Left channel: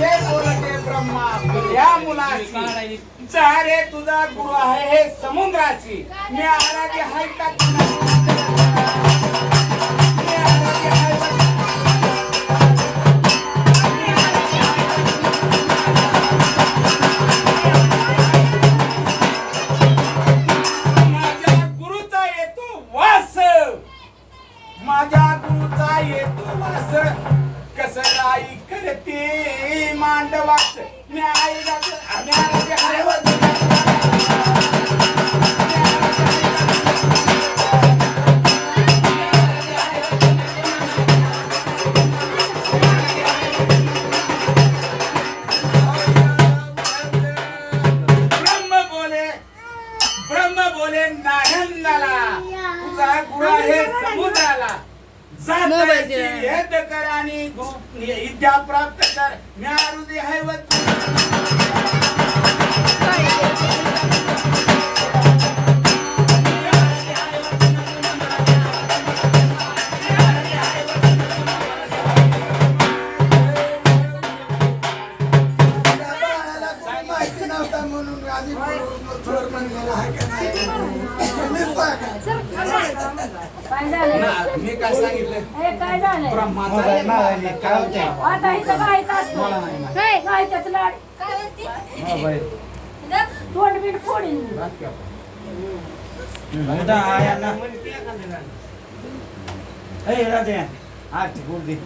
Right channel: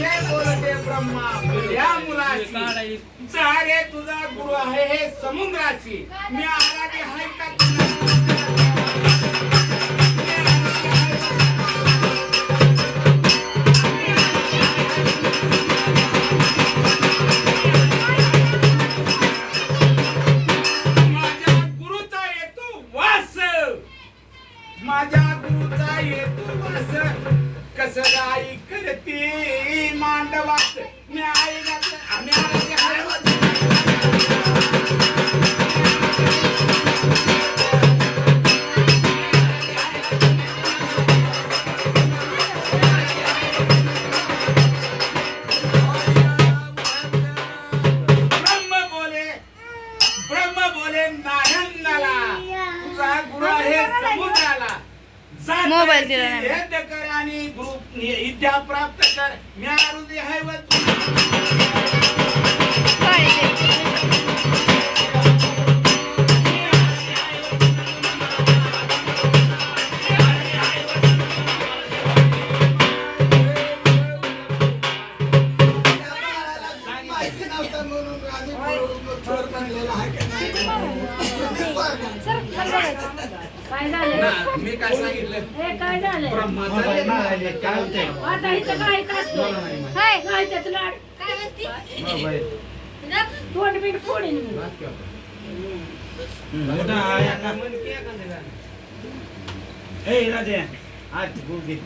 असे बोलते ब्रह्मा या मुलाची जा रे तुझा गुरु आहे हे समुद्राची मी आराधी हाय का माझ्या गुरुचा येतो वास कसं आई करते मांडवास मी आई आम्ही ब्रह्म बोले नायंदाला तुझा गुरु आहे समुद्राला भेद कर आणि विद्या प्राप्त कर मी आरुदी आहे माहिती नव्हता म्हणून म्हणलेला आहे का नाही मी काय सांगितलं ब्रह्माचा आता इथं गायचं असतं गायच्याच लाड तोंड बीड फोडीन राजा आज बोल दे